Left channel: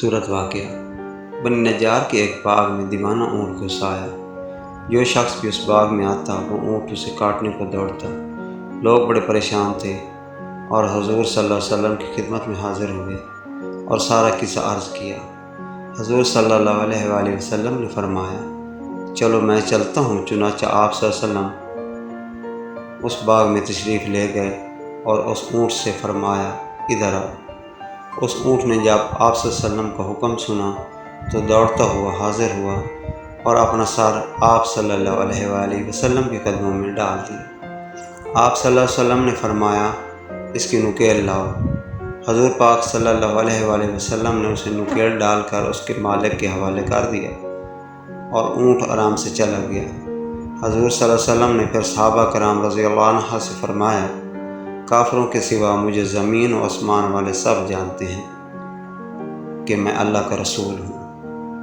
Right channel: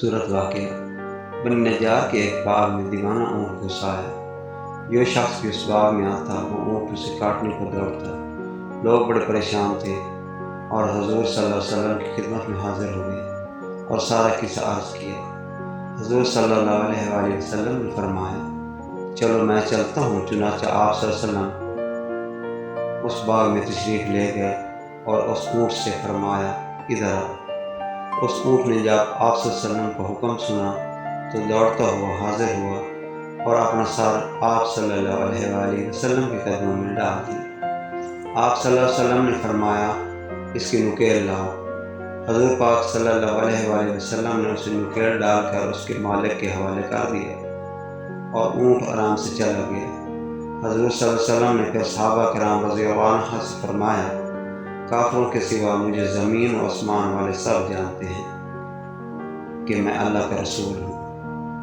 صورت واقعہ بنی نجار کے ایک باغ میں دیوانہ اونٹ گھس آیا۔ جو شخص بھی اس باغ میں آتا وہ اونٹ اسے کاٹنے کو دوڑتا۔ لوگ بڑے پریشان تھے اور حضور صلی اللہ علیہ وسلم کی خدمت میں حاضر ہوئے اور سارا قصہ عرض کیا۔ حضور صلی اللہ علیہ وآلہ وسلم نے فرمایا، چلو میں چلتا ہوں۔ چنانچہ آپ صلی اللہ علیہ وسلم اس باغ میں تشریف لے گئے اور اس اونٹ سے فرمایا، ادھر آؤ۔ اس اونٹ نے جب آپ صلی اللہ علیہ وسلم کا حکم سنا تو دوڑتا ہوا حاضر ہوا اور اپنا سر آپ صلی اللہ علیہ وآلہ وسلم کے قدموں میں ڈال دیا۔ آپ صلی اللہ علیہ وسلم نے فرمایا، اس کی نکیل لاؤ۔ حضور پاک صلی اللہ علیہ وآلہ وسلم نے اسے نکیل ڈال کر اس کے مالک کے حوالے کر دیا اور اونٹ آرام سے چلا گیا۔ حضور صلی اللہ علیہ وسلم نے پھر صحابہ کرام رضی اللہ عنہ سے فرمایا، کافروں کے سوا مجھے زمین و آسمان والے سب جانتے ہیں کہ میں اللہ کا رسول ہوں۔